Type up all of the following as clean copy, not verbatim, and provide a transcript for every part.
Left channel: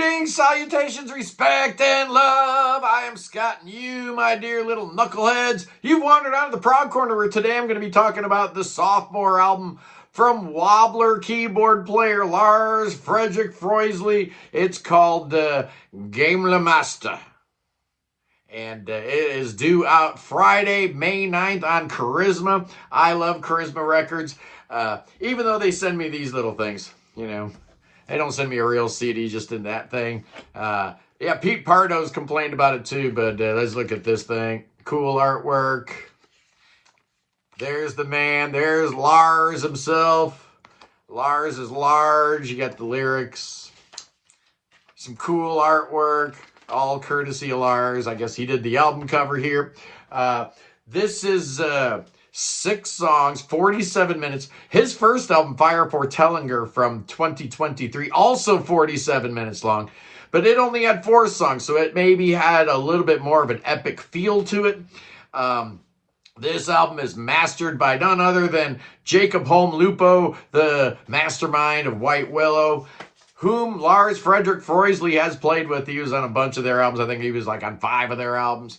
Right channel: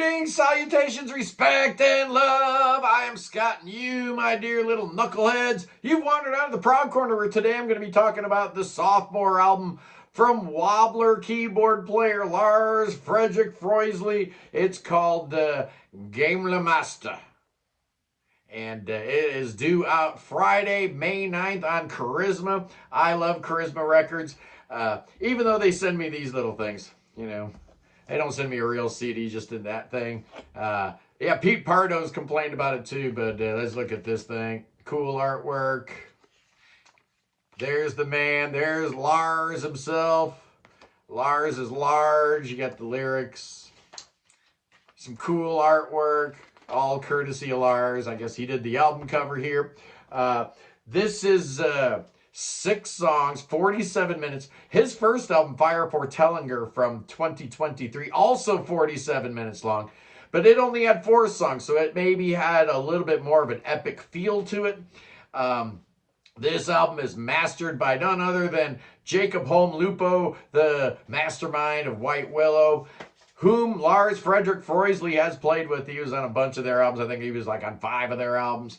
Greetings, salutations, respect, and love. I am Scott, and you, my dear little knuckleheads, you've wandered out of the prog corner where today I'm going to be talking about the sophomore album from Wobbler keyboard player Lars Fredrik Frøislie. It's called Gamle, Mester. And it is due out Friday, May 9th on Karisma. I love Karisma Records, even though they send me these little things, you know. They don't send me a real CD, just in that thing. Yeah, Pete Pardo's complained about it too, but let's look at this thing. Cool artwork. There's the man. There's Lars himself. Lars is large. You got the lyrics. Some cool artwork. All courtesy of Lars. I guess he did the album cover here. This is 6 songs, 47 minutes. His first album, Fire for Tellinger, from 2023, also 47 minutes long. But it only had 4 songs, so it maybe had a little bit more of an epic feel to it. This album is mastered by none other than Jacob Holm Lupo, the mastermind of White Willow, whom Lars Fredrik Frøislie has played with. He was on a bunch of their albums. I think he was like on 5 of their albums.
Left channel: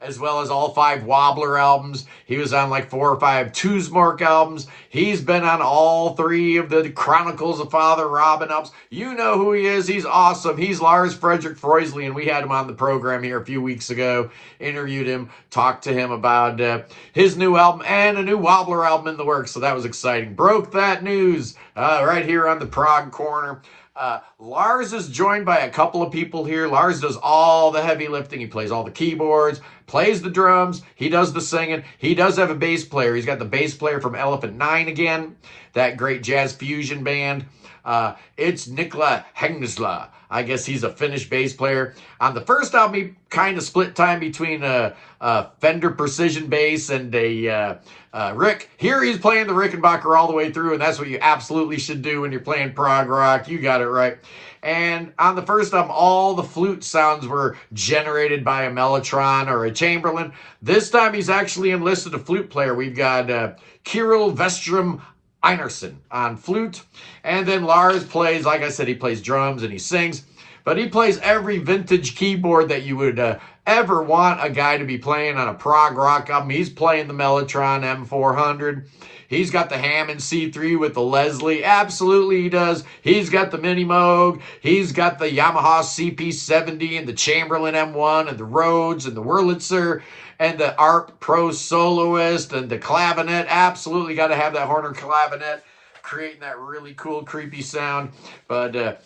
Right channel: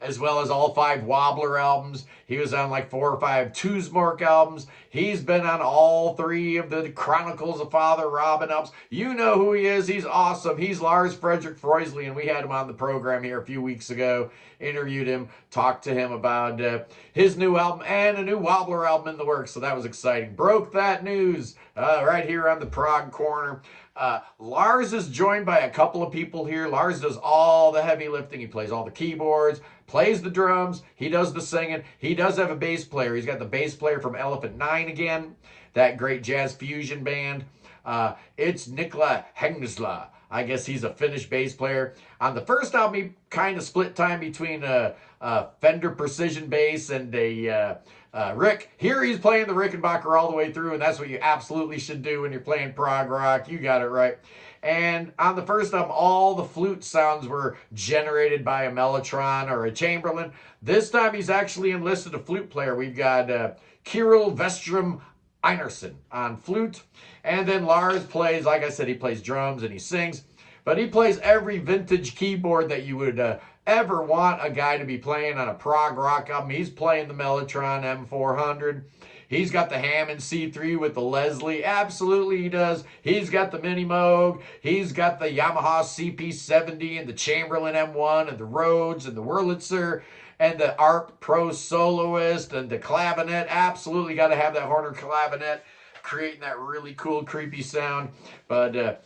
As well as all 5 Wobbler albums. He was on like 4 or 5 Tusmark albums. He's been on all 3 of the Chronicles of Father Robin albums. You know who he is. He's awesome. He's Lars Fredrik Frøislie, and we had him on the program here a few weeks ago. Interviewed him, talked to him about his new album and a new Wobbler album in the works. So that was exciting. Broke that news right here on the Prog Corner. Lars is joined by a couple of people here. Lars does all the heavy lifting. He plays all the keyboards, plays the drums. He does the singing. He does have a bass player. He's got the bass player from Elephant 9 again, that great jazz fusion band. It's Nikla Hengsla. I guess he's a Finnish bass player. On the first album, he kind of split time between a Fender Precision bass and a Rick. Here he's playing the Rickenbacker all the way through, and that's what you absolutely should do when you're playing prog rock. You got it right. And on the first album, all the flute sounds were generated by a mellotron or a Chamberlin. This time, he's actually enlisted a flute player. We've got Kirill Vestrom Einarsson on flute. And then Lars plays, like I said, he plays drums and he sings. But he plays every vintage keyboard that you would ever want a guy to be playing on a prog rock album. He's playing the Mellotron M400. He's got the Hammond C3 with the Leslie. Absolutely he does. He's got the Mini Moog. He's got the Yamaha CP70 and the Chamberlin M1 and the Rhodes and the Wurlitzer and the ARP Pro Soloist and the clavinet. Absolutely got to have that Horner clavinet, creating that really cool, creepy sound. But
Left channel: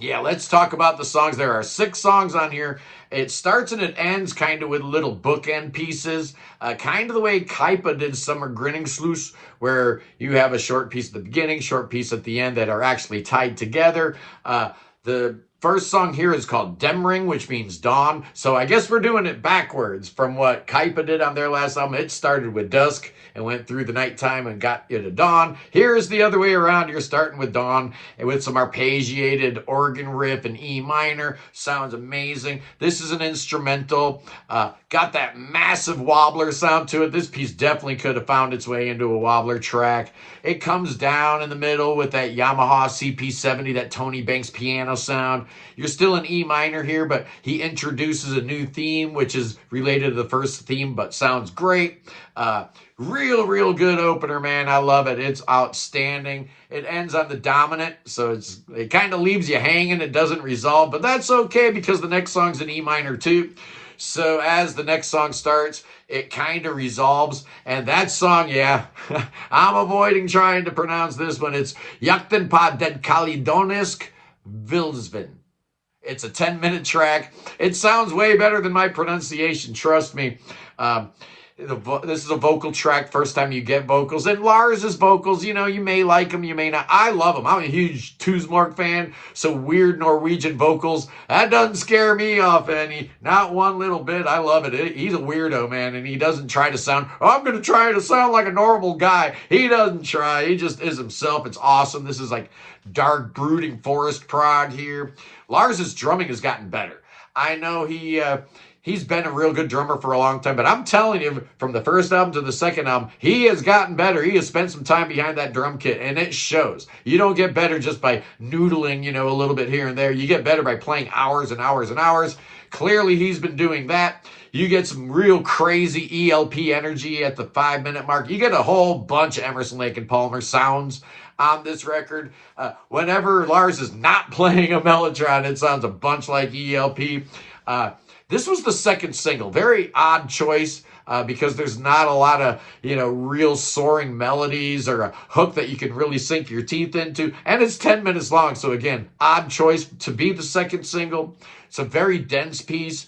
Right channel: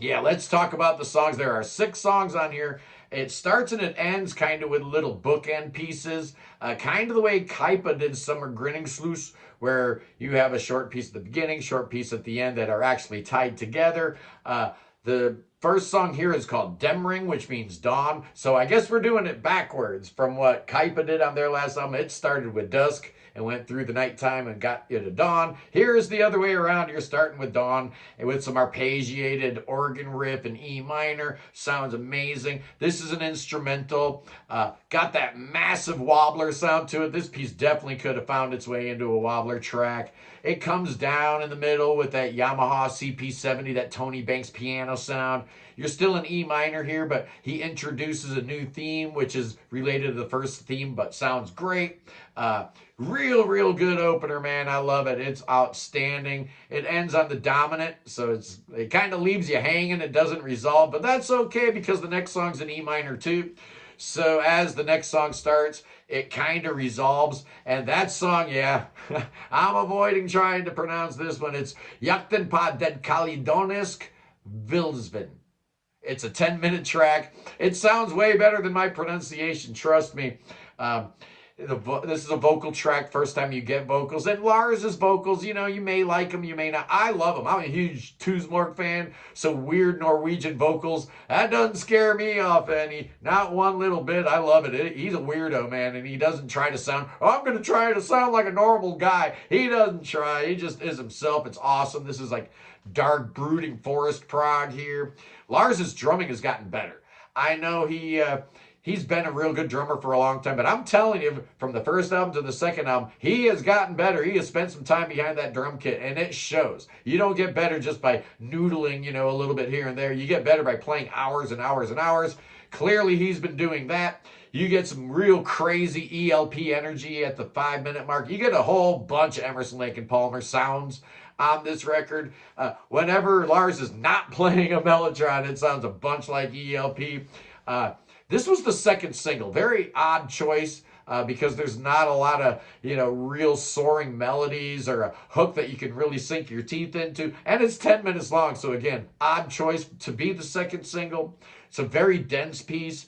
yeah, let's talk about the songs. There are 6 songs on here. It starts and it ends kind of with little bookend pieces, kind of the way Kaipa did Summer Grinning Sluice, where you have a short piece at the beginning, short piece at the end that are actually tied together. The first song here is called Demring, which means dawn. So I guess we're doing it backwards from what Kaipa did on their last album. It started with dusk and went through the nighttime and got you to dawn. Here's the other way around. You're starting with dawn and with some arpeggiated organ riff in E minor. Sounds amazing. This is an instrumental. Got that massive Wobbler sound to it. This piece definitely could have found its way into a Wobbler track. It comes down in the middle with that Yamaha CP70, that Tony Banks piano sound. You're still in E minor here, but he introduces a new theme, which is related to the first theme, but sounds great. Real good opener, man. I love it. It's outstanding. It ends on the dominant, so it kind of leaves you hanging. It doesn't resolve, but that's okay because the next song's in E minor too. So as the next song starts, it kind of resolves. And that song, yeah, I'm avoiding trying to pronounce this one. It's Jakten på den Kalidonisk Vildsvin. It's a 10-minute track. It sounds way better than my pronunciation, trust me. This is a vocal track, first time you get vocals. And Lars's vocals, you know, you may like them, you may not. I love them. I'm a huge Tusmark fan, so weird Norwegian vocals, that doesn't scare me off any, not one little bit. I love it. He's a weirdo, man, and he doesn't try to sound, I'm going to try to sound like a normal guy. He doesn't try. He just is himself. It's awesome. This is like dark, brooding forest prog here. Lars's drumming has gotten better. I know he He's been a real good drummer for a long time, but I'm telling you, from the first album to the second album, he has gotten better. He has spent some time behind that drum kit, and it shows. You don't get better just by noodling, a little bit here and there. You get better by playing hours and hours and hours. Clearly, he's been doing that. You get some real crazy ELP energy at the 5-minute mark. You get a whole bunch of Emerson, Lake and Palmer sounds on this record. Whenever Lars is not playing a mellotron, it sounds a bunch like ELP. This was the second single. Very odd choice because there's not a lot of, real soaring melodies or a hook that you can really sink your teeth into. And it's 10 minutes long. So again, odd choice to be the second single. It's a very dense piece.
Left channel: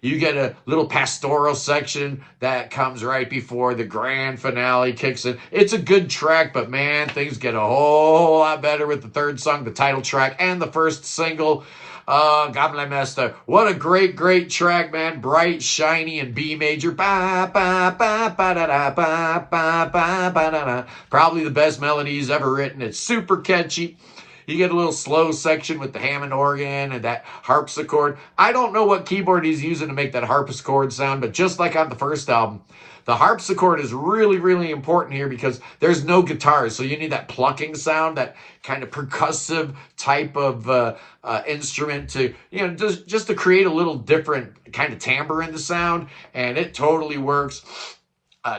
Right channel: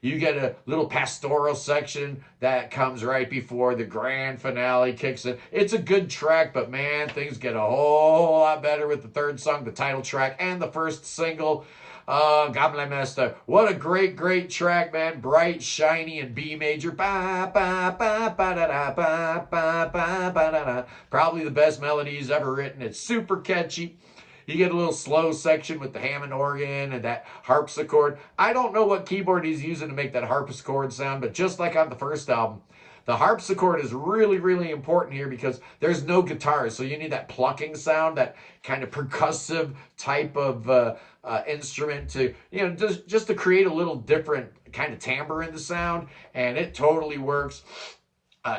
You get a little pastoral section that comes right before the grand finale kicks in. It's a good track, but man, things get a whole lot better with the third song, the title track, and the first single. Gamle, Mester. What a great, great track, man. Bright, shiny, and B major. Ba, ba, ba, ba, da, da, ba, ba, ba, ba, da, da. Probably the best melody he's ever written. It's super catchy. You get a little slow section with the Hammond organ and that harpsichord. I don't know what keyboard he's using to make that harpsichord sound, but just like on the first album, the harpsichord is really, really important here because there's no guitars. So you need that plucking sound, that kind of percussive type of instrument to, just to create a little different kind of timbre in the sound. And it totally works.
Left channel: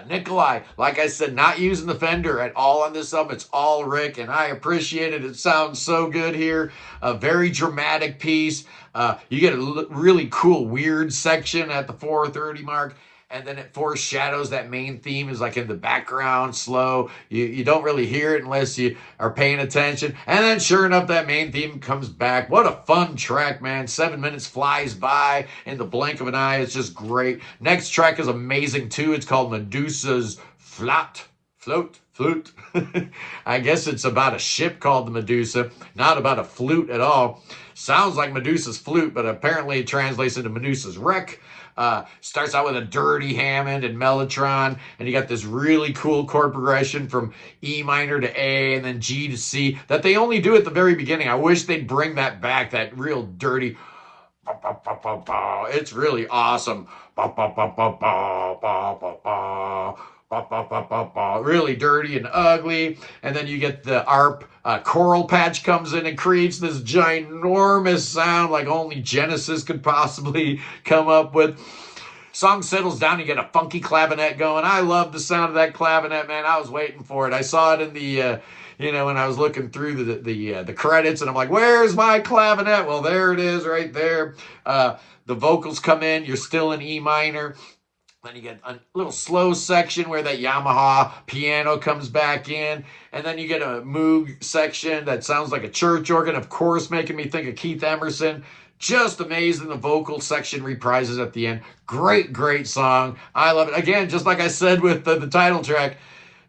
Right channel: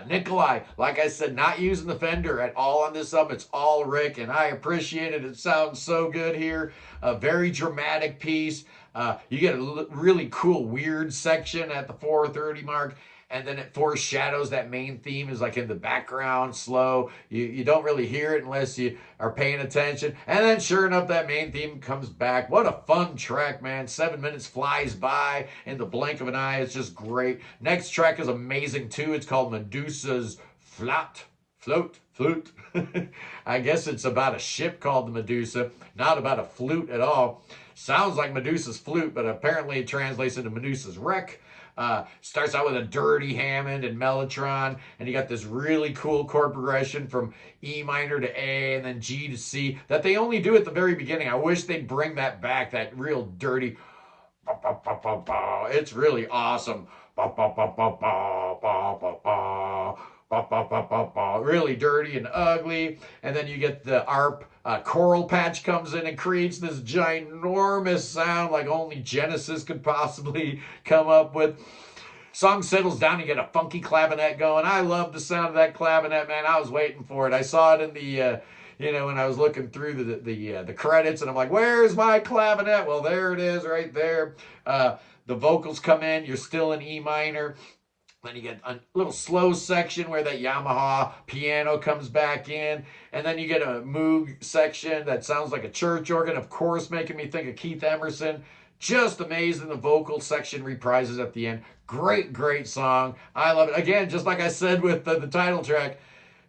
Nikolai, like I said, not using the Fender at all on this album. It's all Rick, and I appreciate it. It sounds so good here. A very dramatic piece. You get a really cool, weird section at the 4:30 mark, and then it foreshadows that main theme is like in the background, slow. You don't really hear it unless you are paying attention. And then sure enough, that main theme comes back. What a fun track, man. 7 minutes flies by in the blink of an eye. It's just great. Next track is amazing too. It's called Medusa's Float. I guess it's about a ship called the Medusa, not about a flute at all. Sounds like Medusa's flute, but apparently it translates into Medusa's wreck. Starts out with a dirty Hammond and mellotron, and you got this really cool chord progression from E minor to A and then G to C that they only do at the very beginning. I wish they'd bring that back, that real dirty. It's really awesome. Really dirty and ugly. And then you get the ARP choral patch comes in and creates this ginormous sound like only Genesis could possibly come up with. Song settles down, you get a funky clavinet going. I love the sound of that clavinet, man. I was waiting for it. I saw it in the when I was looking through the credits, and I'm like, where's my clavinet? Well, there it is right there. The vocals come in, you're still in E minor. Then you get a little slow section where that Yamaha piano comes back in. And then you get a Moog section that sounds like a church organ, of course, making me think of Keith Emerson. Just amazing. The vocal section reprises at the end. Great, great song. I love it. Again, just like I said with the title track,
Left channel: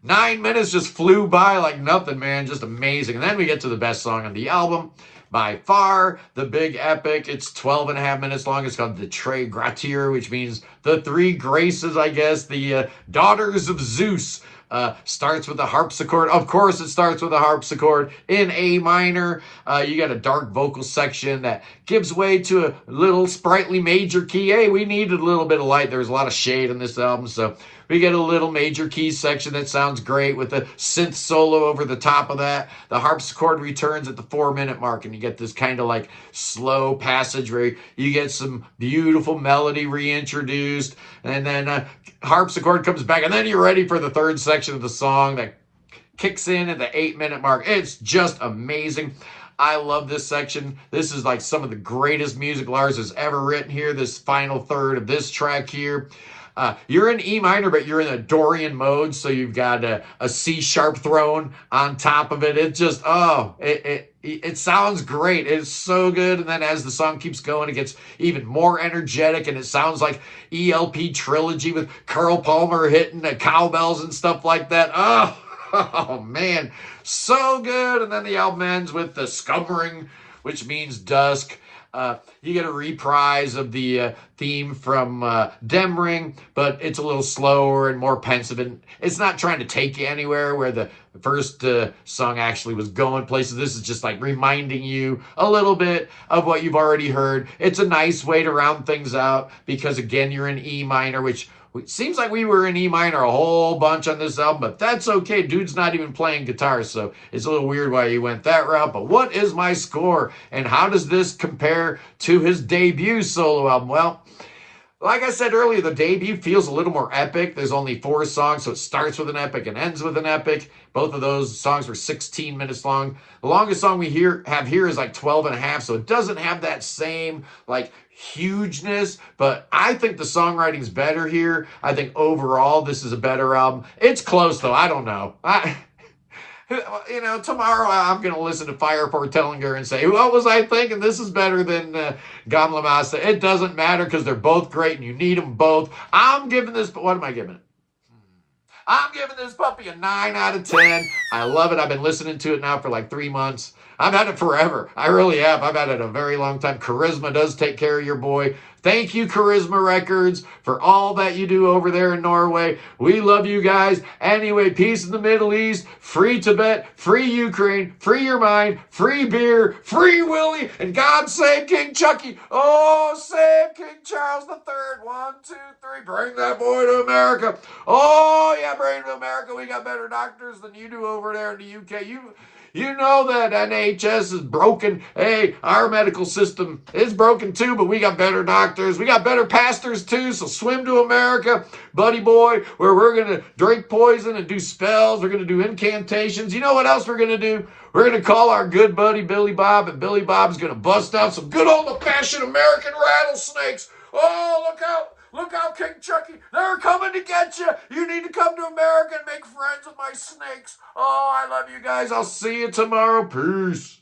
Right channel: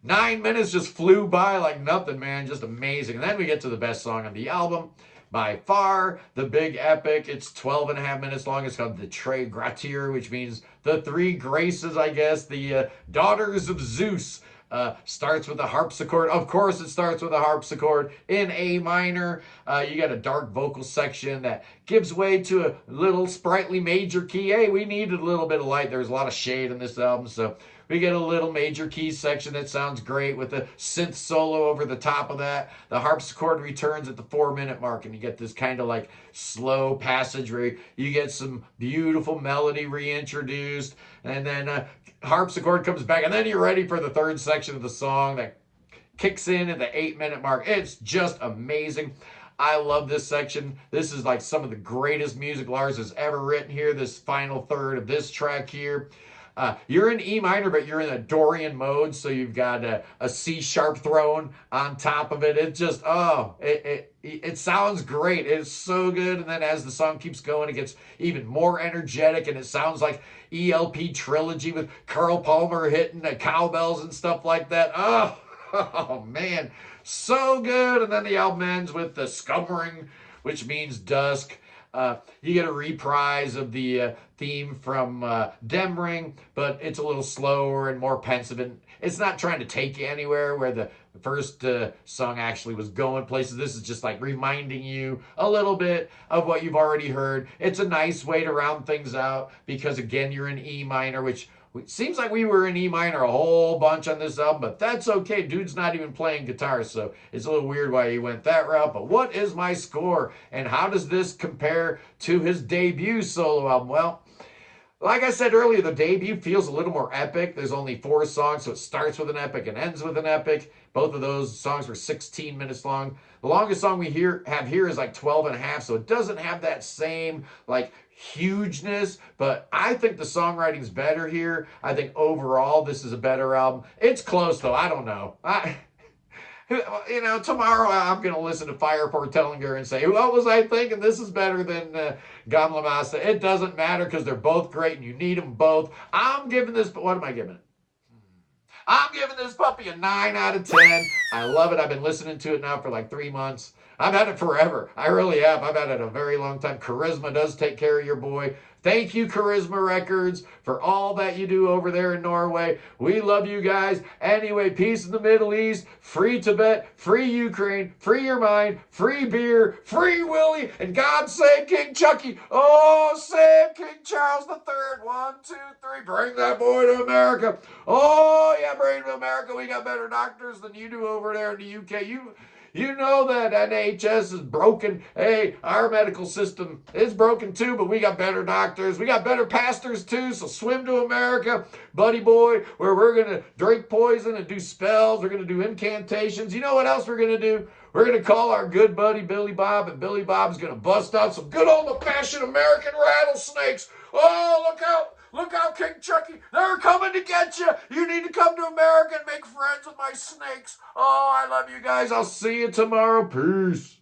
9 minutes just flew by like nothing, man. Just amazing. And then we get to the best song on the album. By far, the big epic. It's 12.5 minutes long. It's called the Tre Gratia, which means the three graces, I guess. The daughters of Zeus. Starts with a harpsichord. Of course, it starts with a harpsichord in A minor. You got a dark vocal section that gives way to a little sprightly major key. Hey, we needed a little bit of light. There's a lot of shade in this album, so we get a little major key section that sounds great with a synth solo over the top of that. The harpsichord returns at the 4-minute mark, and you get this kind of like slow passage where you get some beautiful melody reintroduced, and then harpsichord comes back, and then you're ready for the third section of the song that kicks in at the 8-minute mark. It's just amazing. I love this section. This is like some of the greatest music Lars has ever written here, this final third of this track here. You're in E minor, but you're in a Dorian mode, so you've got a C sharp thrown on top of it. It just, it sounds great. It's so good. And then as the song keeps going, it gets even more energetic, and it sounds like ELP Trilogy with Carl Palmer hitting cowbells and stuff like that. Oh man, so good. And then the album ends with the Scumbering, which means dusk. You get a reprise of the theme from Dem Ring, but it's a little slower and more pensive, and it's not trying to take you anywhere where the first song actually was going places. This is just like reminding you a little bit of what you've already heard. It's a nice way to round things out because, again, you're in E minor, which it seems like we were in E minor a whole bunch on this album, but that's okay. Dude's not even playing guitar, so it's a little weird why he went that route. But what is my score, and how does this compare to his debut solo album? Well, like I said earlier, the debut feels a little more epic. There's only 4 songs, so it starts with an epic and ends with an epic. Both of those songs were 16 minutes long. The longest song we have here is like 12 and a half, so it doesn't have that same like hugeness, but I think the songwriting's better here. I think overall this is a better album. It's close though. I don't know. Tomorrow I'm going to listen to Fire Portellinger and say, what was I thinking? This is better than Gamle. It doesn't matter because they're both great and you need them both. I'm giving this, what am I giving it? I'm giving this puppy a 9 out of 10. I love it. I've been listening to it now for like 3 months. I've had it forever. I really have. I've had it a very long time. Karisma does take care of your boy. Thank you, Karisma Records, for all that you do over there in Norway. We love you guys. Anyway, peace in the Middle East, free Tibet, free Ukraine, free your mind, free beer, free Willie, and God save King Chucky. Oh, save King Charles III. 1, 2, 3. Bring that boy to America. Oh, yeah, bring him to America. We got better doctors than you do over there in the UK. You know that NHS is broken. Hey, our medical system is broken too, but we got better doctors. We got better pastors too, so swim to America, buddy boy, where we're going to drink poison and do spells. We're going to do incantations. You know what else we're going to do? We're going to call our good buddy Billy Bob, and Billy Bob's going to bust out some good old-fashioned American rattlesnakes. Oh, look out. Look out, King Chucky. They're coming to get you. You need to come to America and make friends with my snakes. Oh, I love you guys. I'll see you tomorrow. Peace.